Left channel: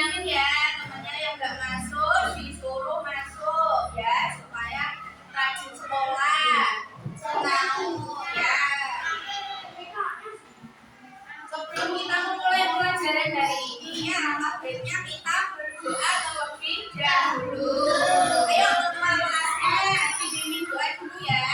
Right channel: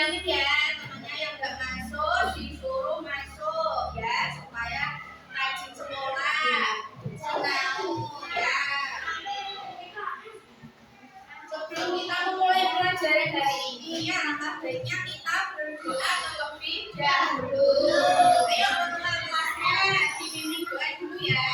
dibilangin ya temannya yang nggak masuk disuruh masuk ya supaya rajin sekolah. Tahu ya. Sebelum kita memulai pelajaran hari ini ya, alangkah baiknya kita berdoa terlebih dahulu. Ayo ketua kelasnya dibimbing doa dulu ya.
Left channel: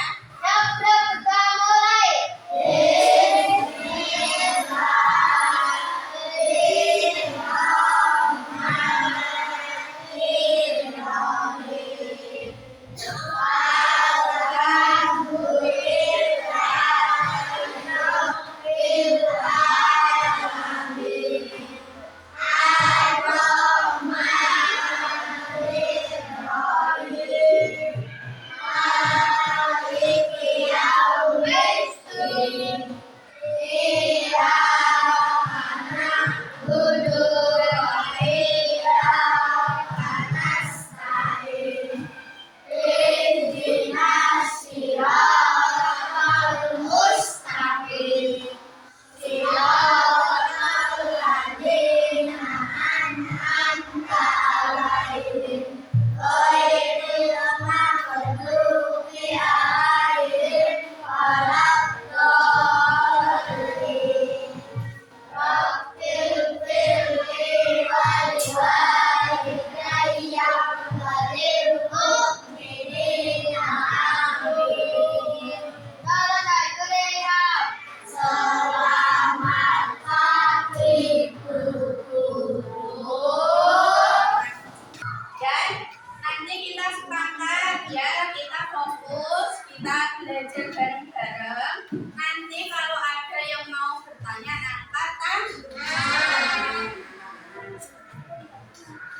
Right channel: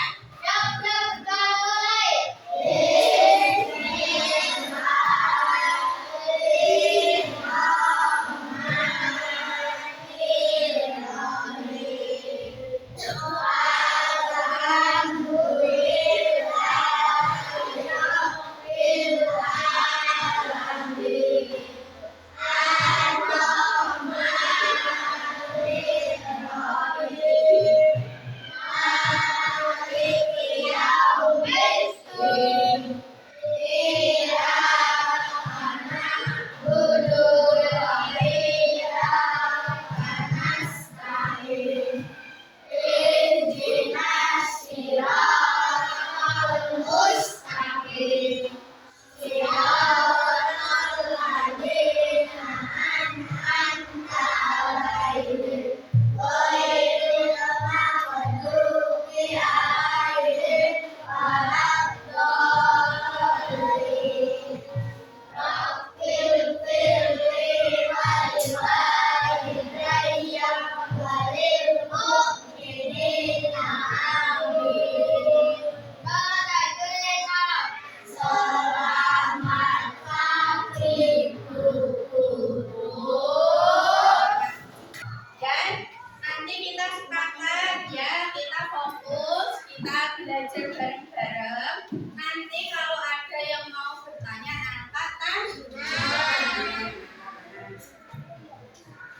Belajar bareng-bareng. Nanti kalau ada yang mau bertanya angkat tangan.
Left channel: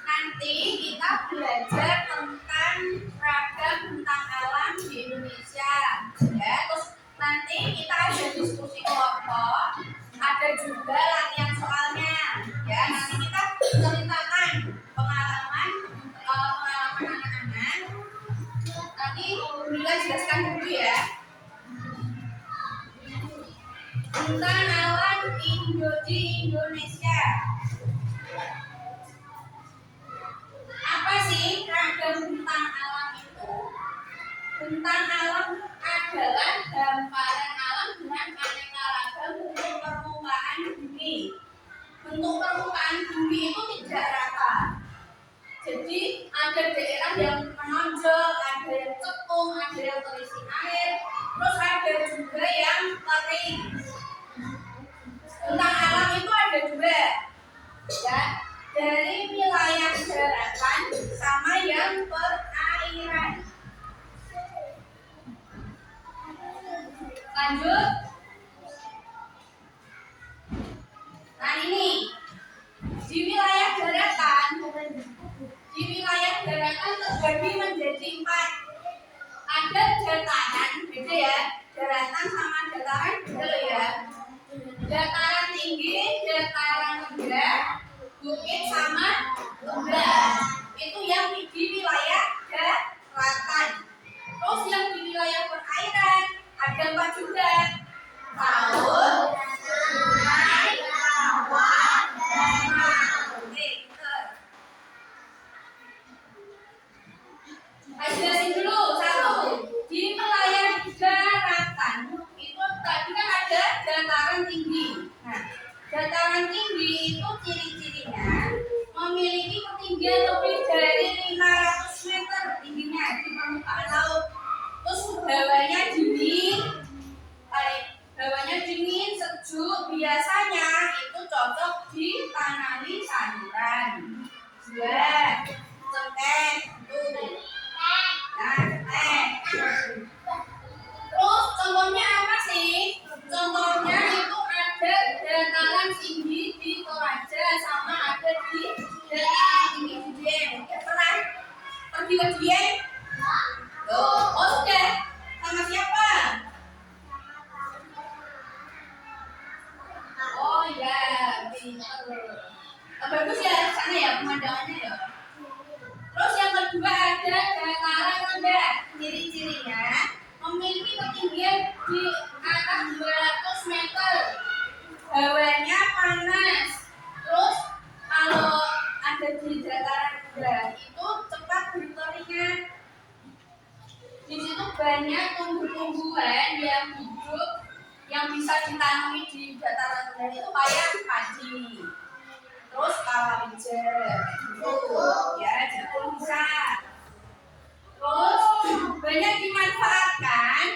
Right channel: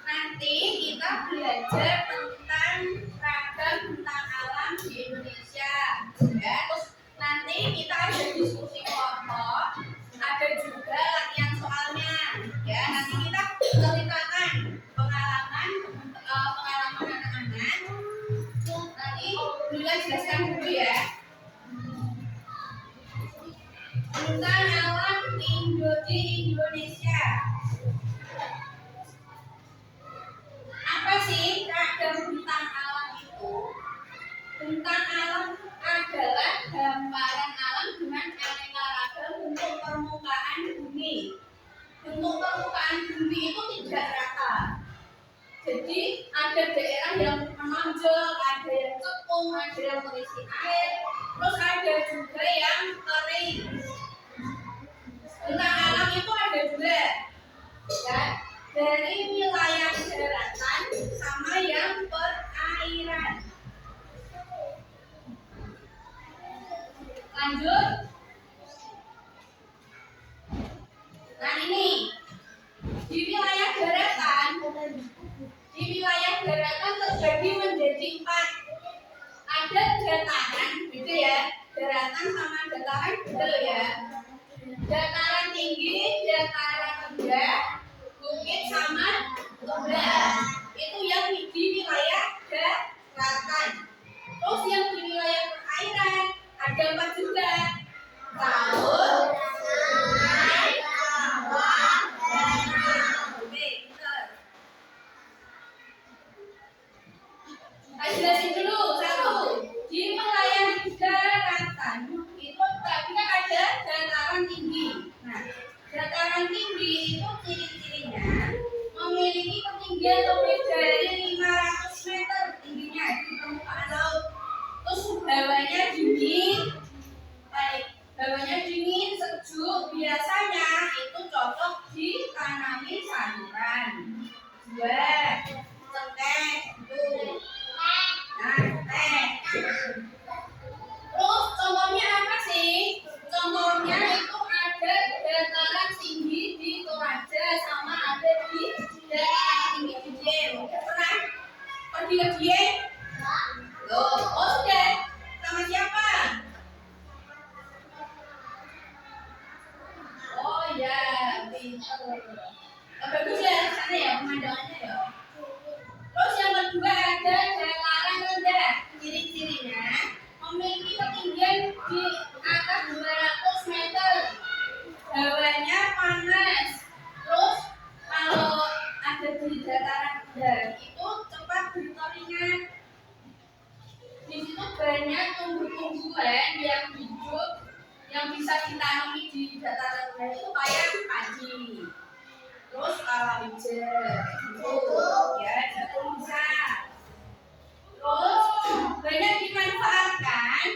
Nanti kita belajar tentang ragam bentang alam di Indonesia. Ya, terus nanti kita ada diskusi kelompok, ada juga latihan soalnya. Ya, nanti kita ceritakan pengalaman anak-anak. Nanti Mila jelaskan dulu ya. Bentang alam di Indonesia. Apa sih ragam bentang alam itu? Bentang alam adalah hamparan alam dengan aneka ragam bentuk permukaan bumi. Bentuk permukaan bumi itu tidak rata. Jadi ada daerah yang menonjol, ada yang cekung, ada yang terisi air, terus ada juga yang kering. Bentang alam itu ada dua, ya, dari wilayah daratan sama yang perairan. Lanjut. Nah ini di wilayah daratan terbagi menjadi 4. Ada dataran, beda ya. Daratan sama dataran beda ya. Dataran tinggi, dataran rendah, bukit sama lembah. Itu yang di wilayah daratan. Terus yang di wilayah perairan ada 4 juga. Laut, sungai, kawah, danau. Jelasin dulu satu. Di wilayah daratan itu tadi kan ada dataran tinggi. Nah, dataran tinggi itu ciri-cirinya memiliki ketinggian lebih dari 500 meter tingginya di permukaan laut. Terus hawanya dingin, sejuk. Biasanya itu cocok ditanami sayuran. 2. Cengkeh, tuh. Terus contohnya apa sih? Contohnya itu ada dataran tinggi di Toraja sama ada di dataran tinggi di Dieng. Pernah pergi ke Dieng? Loh, oh sudah. Sama siapa? Oh ya, pintar. Bagus ya di sana ya pemandangannya ya. Terus yang kedua ada dataran rendah. Ciri-cirinya memiliki ketinggian di atas 200 meter. Hawanya panas. Terus kalau ada di dataran rendah itu cepat berkeringat. Di situ banyak tumbuh-tumbuhan yang hidup yang bisa ditanami di dataran rendah itu kayak padi, terus palawija, gitu ya, jagung bisa. Terus banyak dimanfaatkan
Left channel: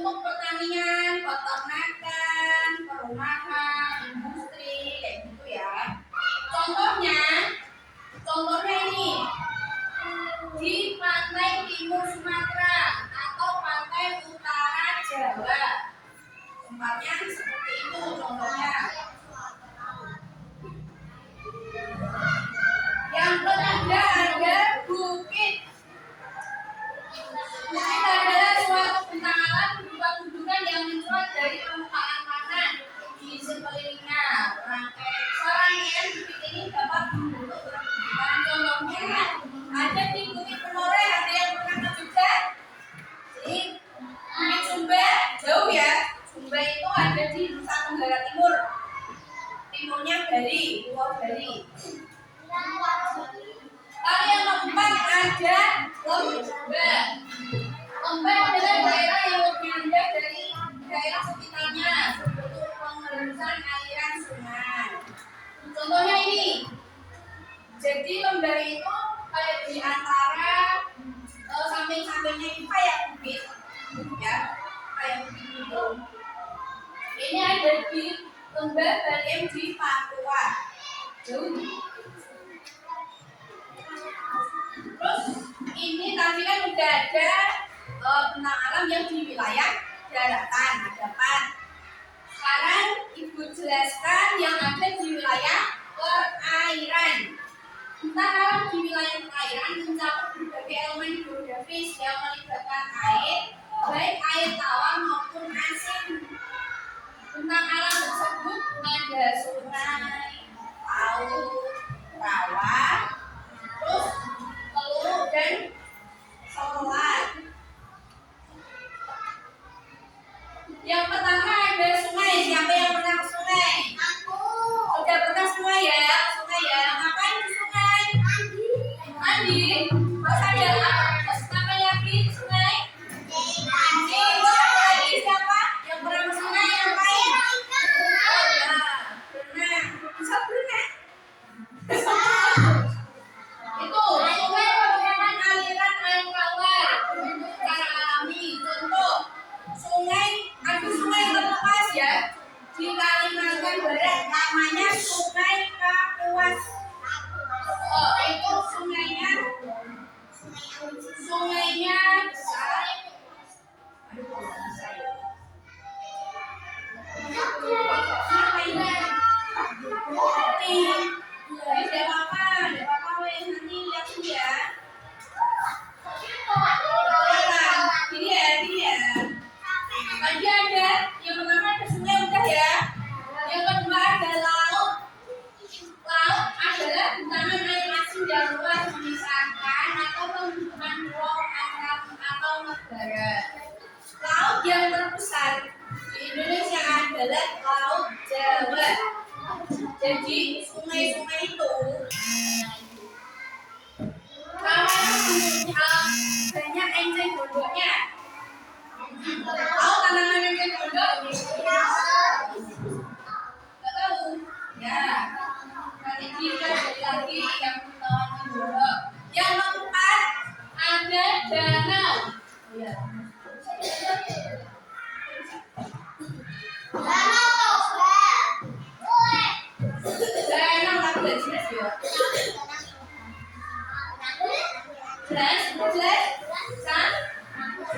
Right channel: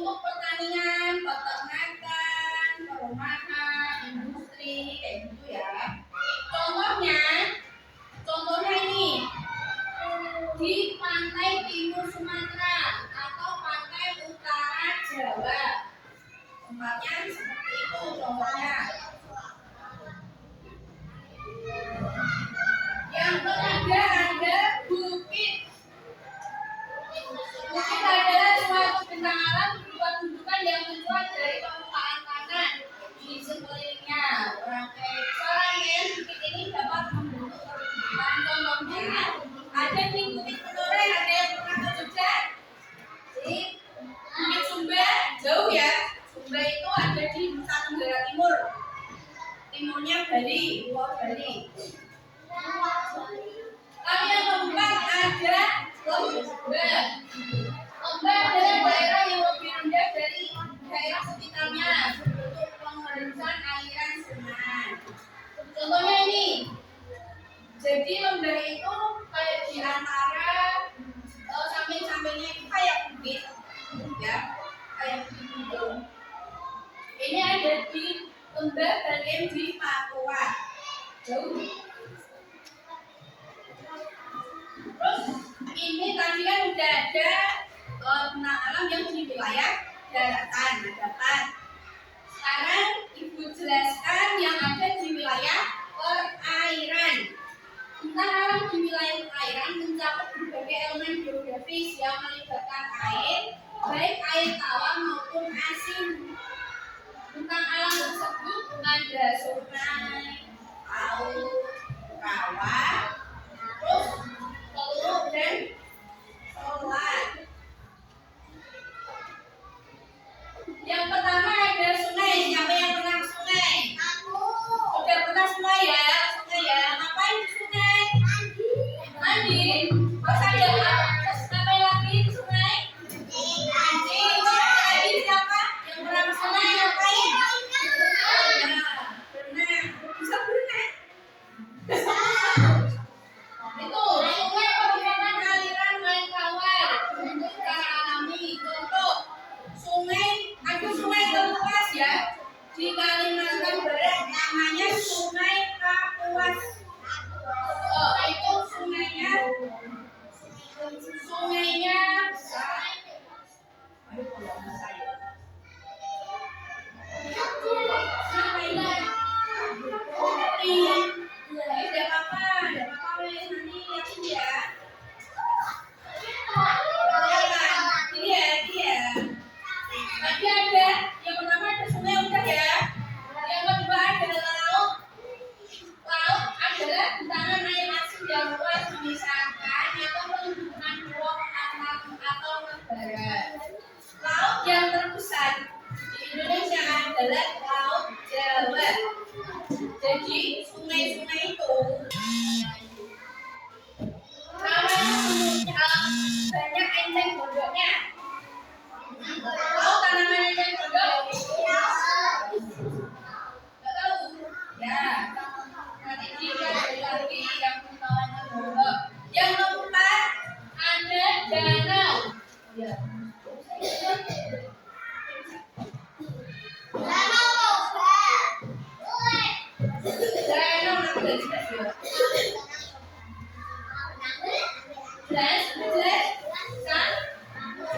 untuk pertanian, peternakan, perumahan, industri kayak gitu ya. Contohnya ini di pantai timur Sumatera atau pantai utara Jawa. Tempatnya seperti itu contohnya. Yang ketiga ada bukit. Bukit adalah suatu bentang alam berupa gundukan yang mencuat dari permukaan tanah di sekelilingnya. Serangkaian bukit ini dapat membentuk perbukitan. Contohnya ada di Bukit Menoreh. Ada yang pernah ke Jogja? Di Bukit Sumba, jauh ya. Sumba itu ada di Nusa Tenggara Timur. Timurnya Bali, Pulau Bali. Lalu yang keempat ada Lembah. Lembah adalah daerah yang lebih rendah dari daerah sekitarnya untuk pengerusan aliran sungai. Contohnya ini. Jadi lembah itu kayak di antara samping-sampingnya itu kayak bukit, ya, kayak bukit gitu. Ini ada di Lembah Baliem di Papua. Jauh. Terus ini tadi kan udah ada bentang alam yang di wilayah daratan, ada 4. Sekarang Ibu jelaskan yang ada di wilayah perairan. Bentang alam di wilayah perairan mencakup berbagai elemen geografis yang melibatkan air, baik air tawar maupun asin. Bentang alam tersebut ada sungai, laut, rawa, terus teluk dan selat. Yang pertama ada sungai. Siapa yang pernah ke sungai? Aku. Udah pernah semua ya? Sungai ya. Ngapain di sungai? Mandi. Terus ada terus ngapain lagi di sungai? Mandi. Siapa lagi? Siapa yang pernah ke sungai? Ngapain? Nah, berenang. Bisa berenang? Itu sungai merupakan aliran air tawar bentuk secara alami. Contoh sungai, ada sungai Kapuas ya di Kalimantan Barat, namanya Sungai Kapuas. Itu sungainya besar. Aduh, kalau bisa ya. Apa ini? Tidak apa-apa, wes nanti lihat dulu ya. Ini ya. Tadi ada yang pertama ada sungai udah ya. Yang kedua ada laut. Laut adalah genangan air asin yang luas memisahkan atau menghubungkan pulau atau negara. Laut yang terbesar di Indonesia adalah Laut Jawa. Jadi sungai-sungai itu namanya banyak enceng gondoknya. Tahu tanaman enceng gondok? Nggak tahu? Ya. Nanti kita cari lagi yang tahu enceng gondok. Yang keempat ada danau. Ya. Danau apa jelas ya? Jelas?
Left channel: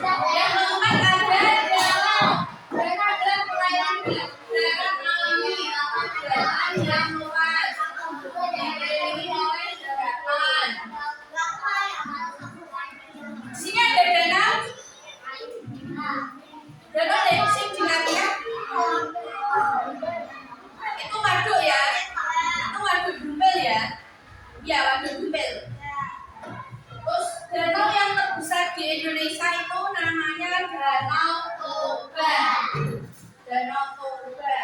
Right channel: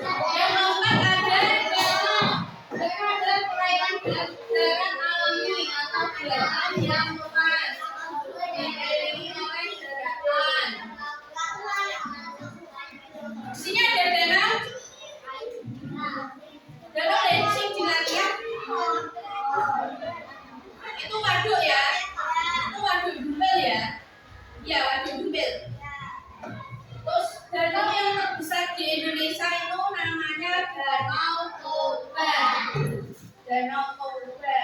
Yang keempat ada danau. Danau adalah perairan darat alami atau daratan yang luas dikelilingi oleh daratan. Di sini ada danau. Danau yang sing dilihat itu waduk ya. Itu waduk Dumpel ya. Iya, waduk Dumpel. Terus danau yang terbesar di Indonesia itu namanya Danau Toba. Danau Toba.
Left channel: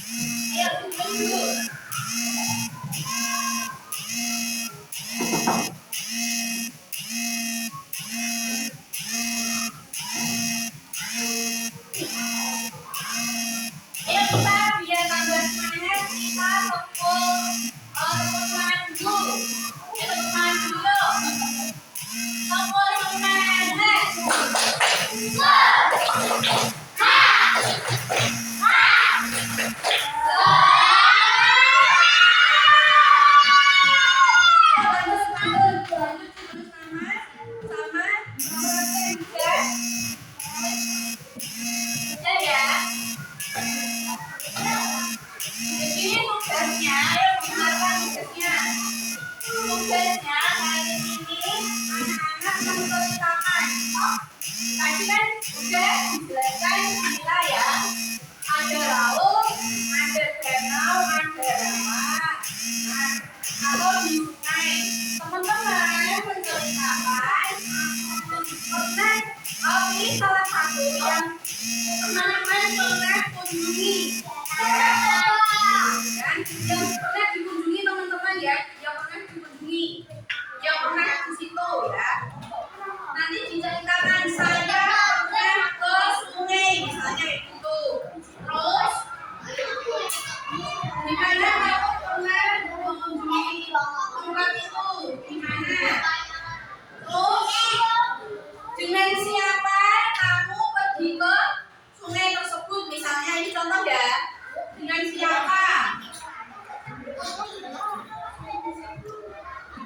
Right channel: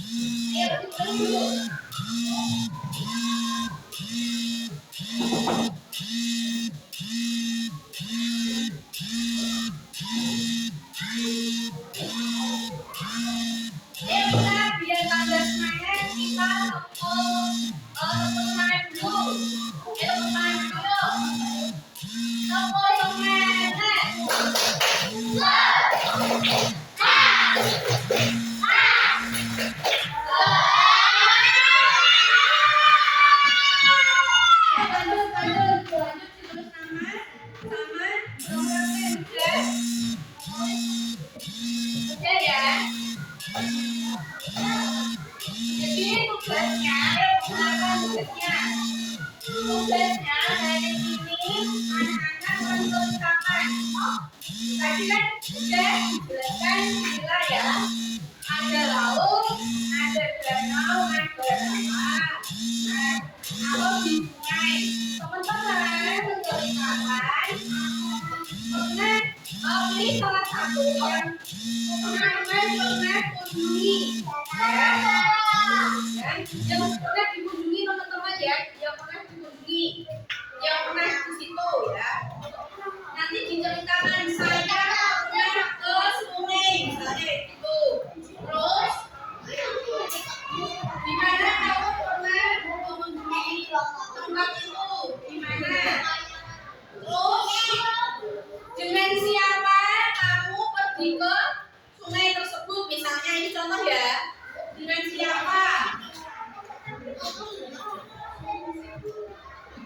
Ayo, ditulis dulu. Ayo kita biar tambah semangat kita tepuk tangan dulu. Ayo tepuk tangan dulu. Tepuk semangat. Tugasnya hari ini anak-anak menceritakan. Tadi kan udah dijelaskan gila ya. Ada laut, ada danau, ada rawa. Nah, kalau di sungai, teman-teman menceritakan pernah pilih salah satu yang teman-teman pernah kunjungi. Dan yang pernah dikunjungi teman-teman ya, yang pernah dikunjungi, yang pernah di situ ya. Nanti diceritakan saya pernah ke sungai misalnya gitu. Terus di mana kamu pernah mengunjungi tempat itu? Di mana? Terus dengan siapa kamu pergi ke sungai tersebut misalnya, ini contoh ya. Dengan siapa?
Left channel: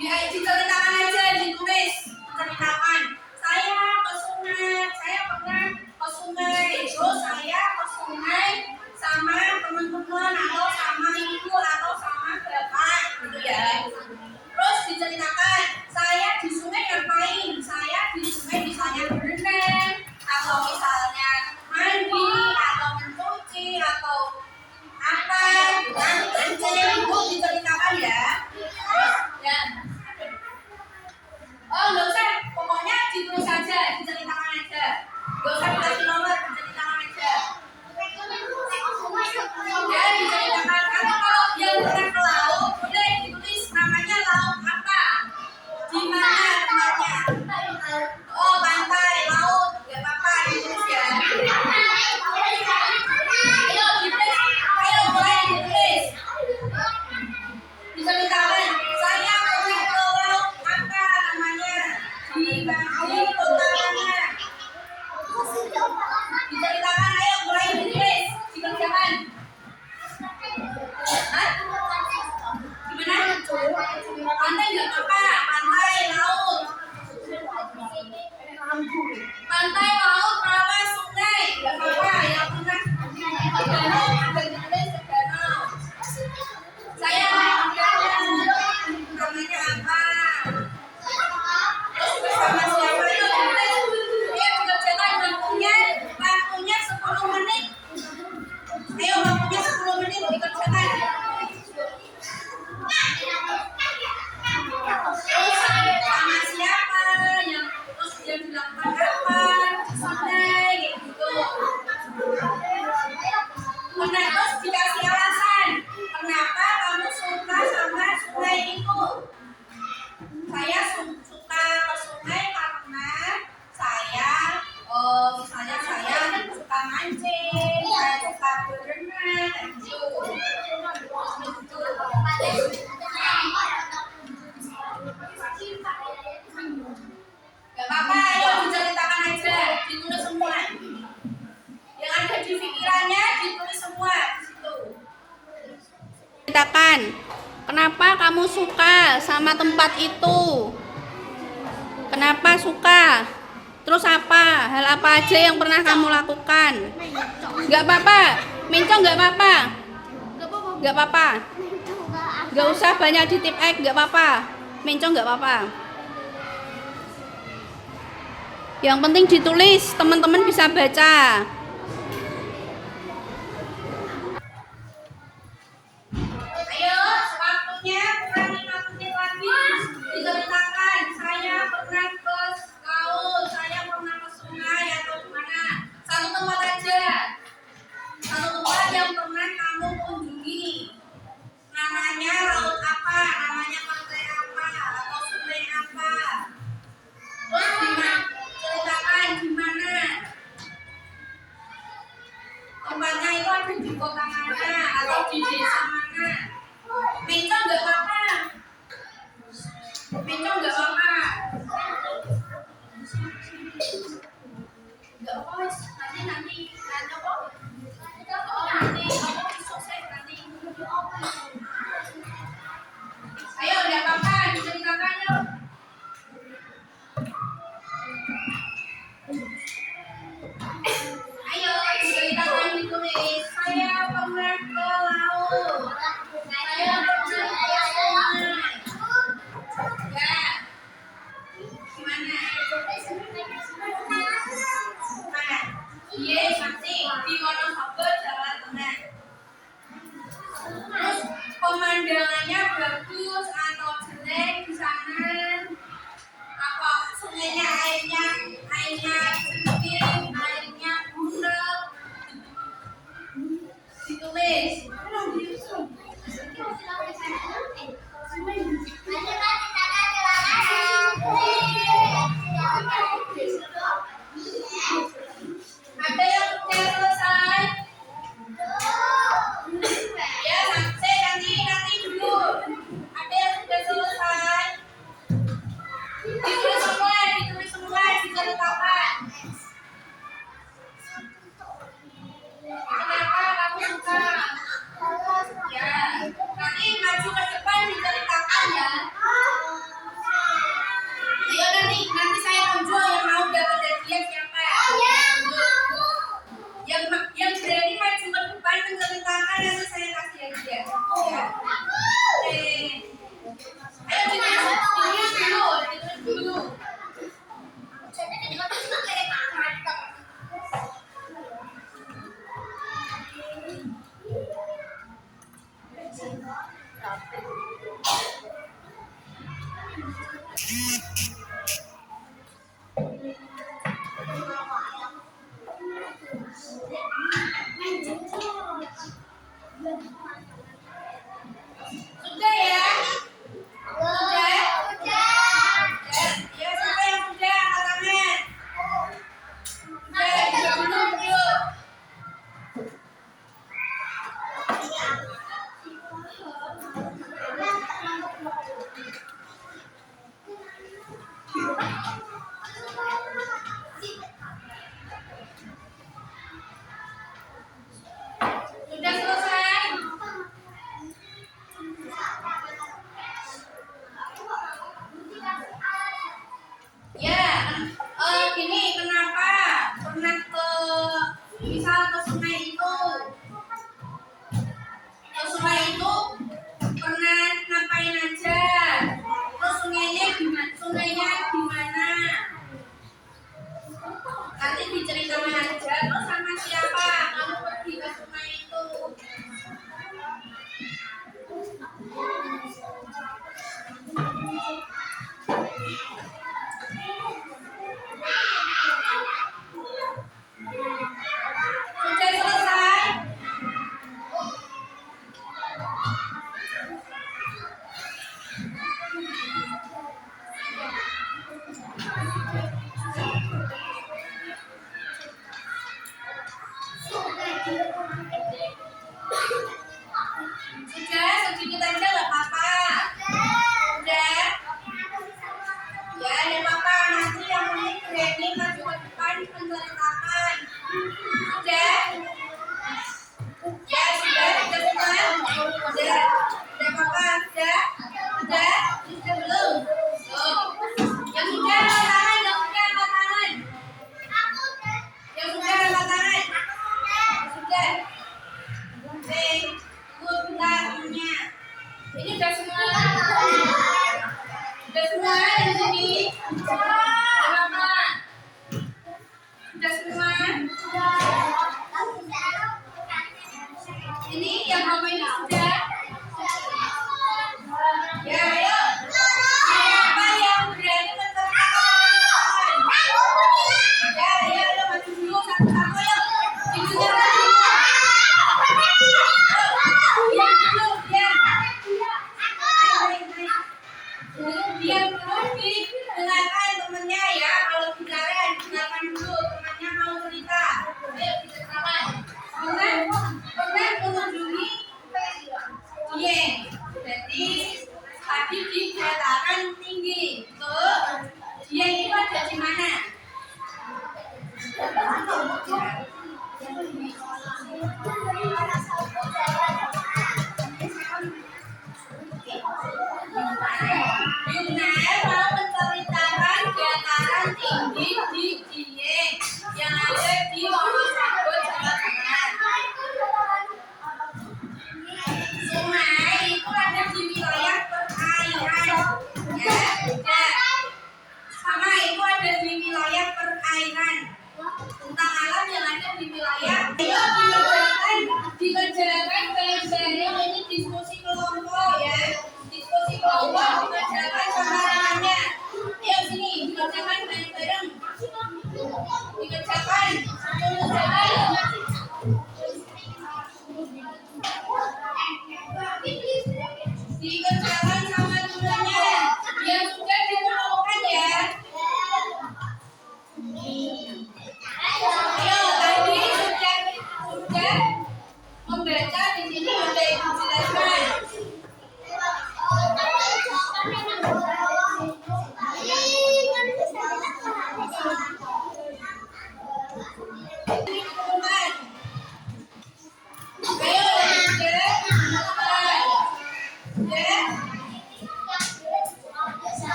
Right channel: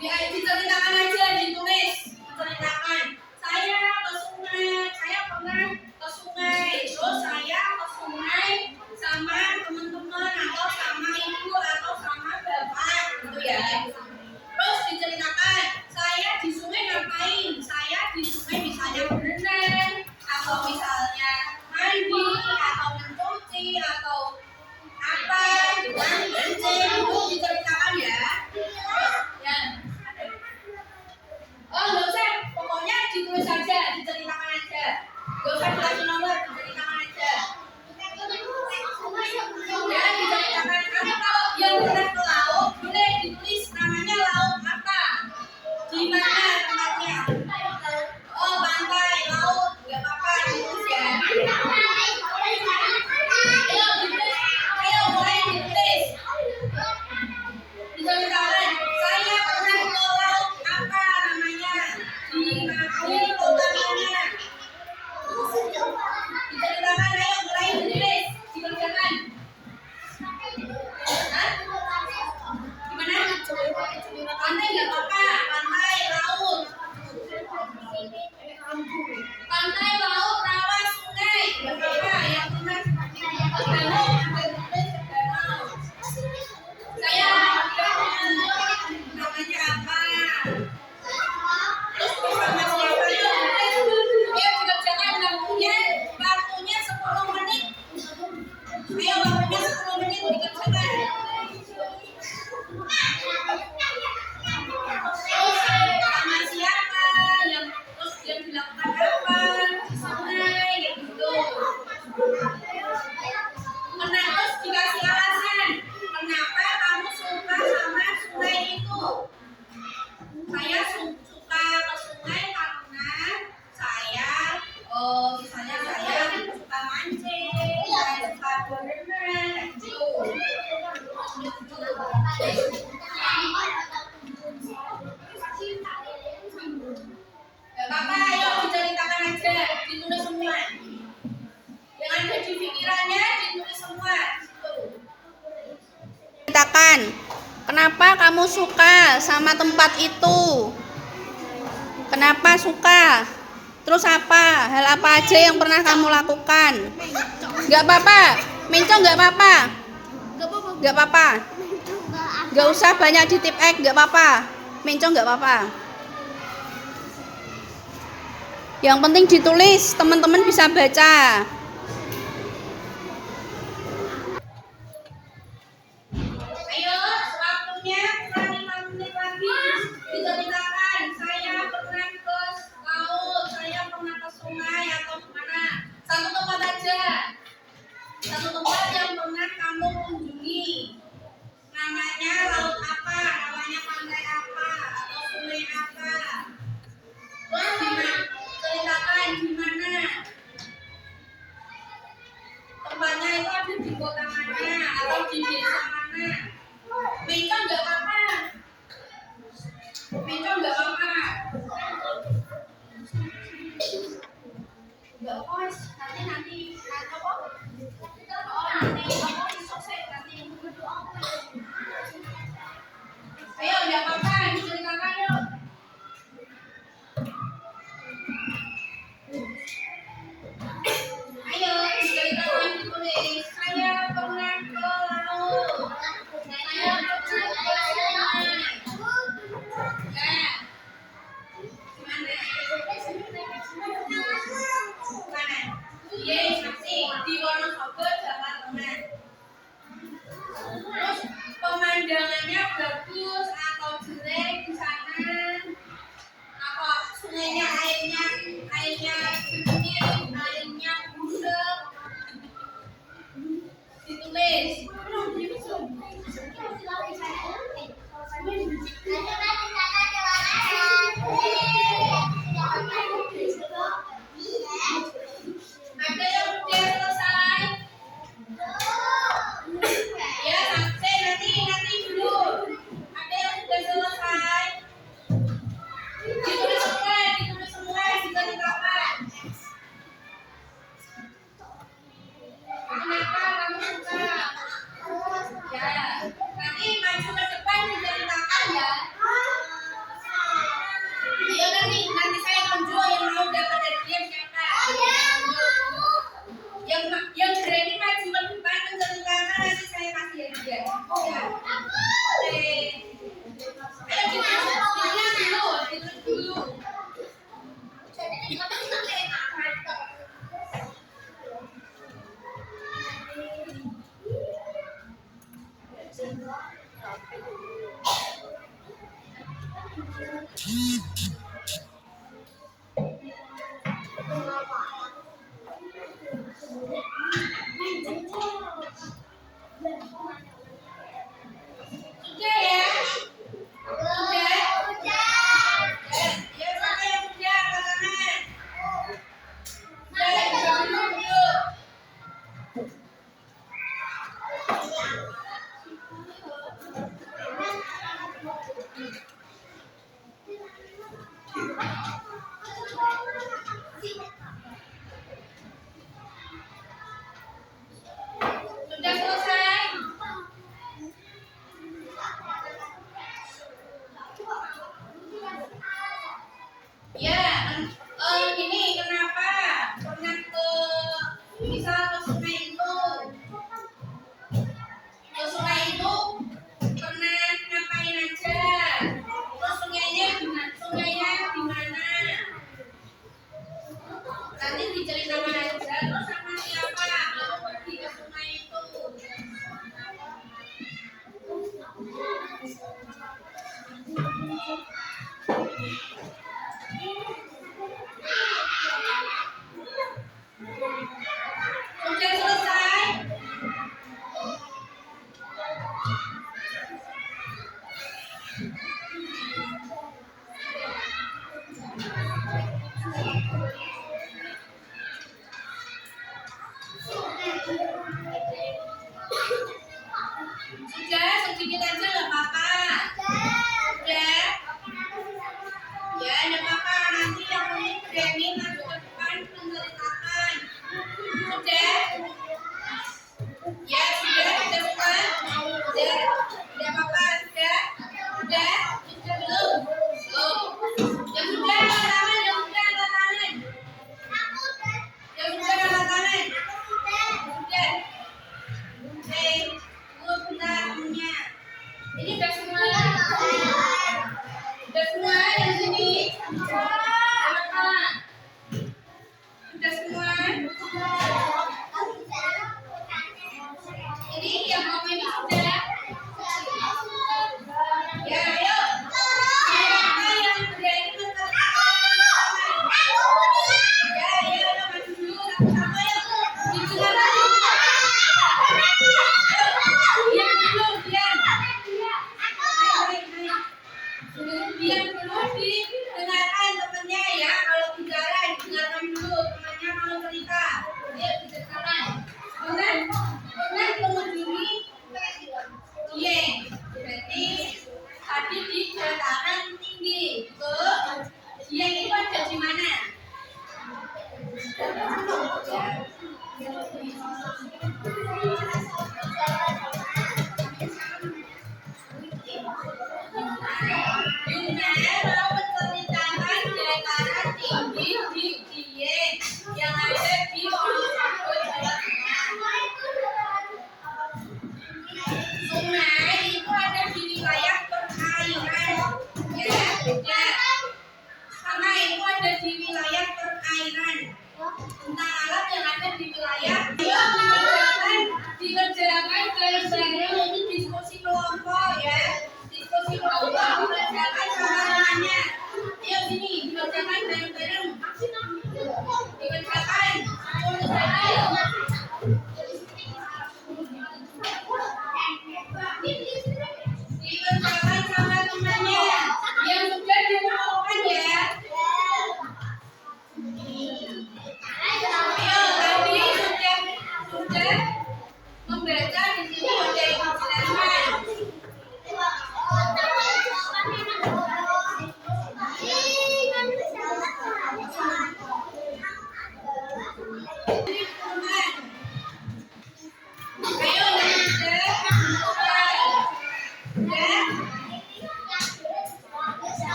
Diceritakan aja, ditulis, menceritakan. Saya ke sungai, saya pernah ke sungai. Terus saya ke sungai sama teman-teman atau sama ibu atau sama bapak gitu ya. Terus diceritakan, saya di sungai ngapain? Saya di sungai misalnya berenang atau misalnya mandi atau mencuci atau apa dengan mancing, itu diceritakan ya. Ya. Oh nggak usah, pokoknya ditulis saja, diceritakan aja. Nggak usah dikasih nomor, diceritakan aja. Ya diceritakan. Karena kalau yang pernah ke laut, boleh ditulis namanya laut apa, di mana tempatnya. Oh pantai, laut, nggak apa-apa ditulis ya. Ayo ditulis, ayo mulai ditulis. Diceritakan, saya pernah ke laut apa namanya, di kota mana. Diceritakan, ayo mulai ditulis, dikerjakan. Hah? Gimana? Pantai nggak apa-apa, pantai, laut. Pantai, laut, rawa, sungai, nggak apa-apa. Yang pernah danau, ada ditulis danau. Saya namanya apa? Terus bersama siapa itu ditulis. Ayo dikerjakan, waktunya 10 menit. Ayo waktunya 10 menit dikerjakan. Terus sama siapa, yang terus dia dilakukan apa di sungai gitu. Terus dikasih alasan kenapa kamu suka sama sungai itu. Saya suka ke sungai karena saya misalnya saya suka mancing, saya suka berenang gitu. Gak apa-apa, ayo diceritakan aja, ditulis semua. Yang ada di pikirannya ditulis semua di situ. Ceritakan, kenapa kamu suka sama tempat itu? Kenapa suka? Terus apa? Hal apa aja yang pernah kamu lakukan? Gak apa-apa, mencong gak apa-apa. Gak apa-apa. Gak usah banyak di tip X, gak apa-apa. Mencong gak apa-apa. Yang penting ditulis, teman-teman bisa baca. Ayo, waktunya kurang 5 menit lagi. Diceritakan, saya pernah ke laut, saya pernah ke sungai atau gimana. Satu tempat aja. Satu tempat yang pernah kamu tinggalnya itu ada di kota mana atau di desa mana. Bencong nggak apa-apa. Bencong nggak apa-apa. Nggak apa-apa wes. Nanti apa? Nanti apa besok saya nanti. Ayo nggak apa-apa diceritakan yuk. Ayo diceritakan ditulis. Saya pernah ke laut. Saya pernah ke sungai. Ya. Gimana? Mana? Iya masih di Wonosobo, Jawa Tengah. Terus pemandangannya bagus atau jelek di sana? Apa sungainya airnya jernih, airnya bulat? Ditulis. Ada yang sudah selesai? Ya, nanti dulu. Ada yang sudah selesai? Ditulis semua, diceritakan. Kenapa kamu suka? Ya, nanti maju ke depan diceritakan ya. Ayo nanti saya tunjuk yang mau dapat hadiah siapa? Yang berani maju ke depan menceritakan nanti saya kasih hadiah. Ya. Ayo ditulis dulu. Sudah ya? Sudah? Ya, siapa yang sudah? Angkat tangan. Sudah, dulu. Sudah selesai? Ya, gini kenapa pernah misal ke sungai itu? Ke sungai itu pernah ngapain aja? Terus sungainya di mana? Nanti diceritakan aja. Terus sama siapa kamu pergi ke sungai itu? Sudah selesai? Sudah, sedikit aja nggak apa-apa. Sudah? Ya, nggak apa-apa. Nanti yang paling berani maju ke depan menceritakan. Sudah? Ya, sudah semua? Sudah apa-apa? Sudah belum? Yang sudah angkat tangan. Sudah. Bentarnya. Ini udah semua. Udah semua di sini. Udah apa? Udah semua. Ini yang apa ini sudah? Ya, ayo. Siapa yang berani menceritakan? Ya, ayo maju dulu satu-satu ayo. Didengarkan dulu. Diam dulu didengarkan temennya ya. Kalau bicara didengarkan dulu temannya mau cerita. Ayo diceritakan. Benar?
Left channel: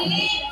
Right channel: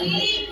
Jadi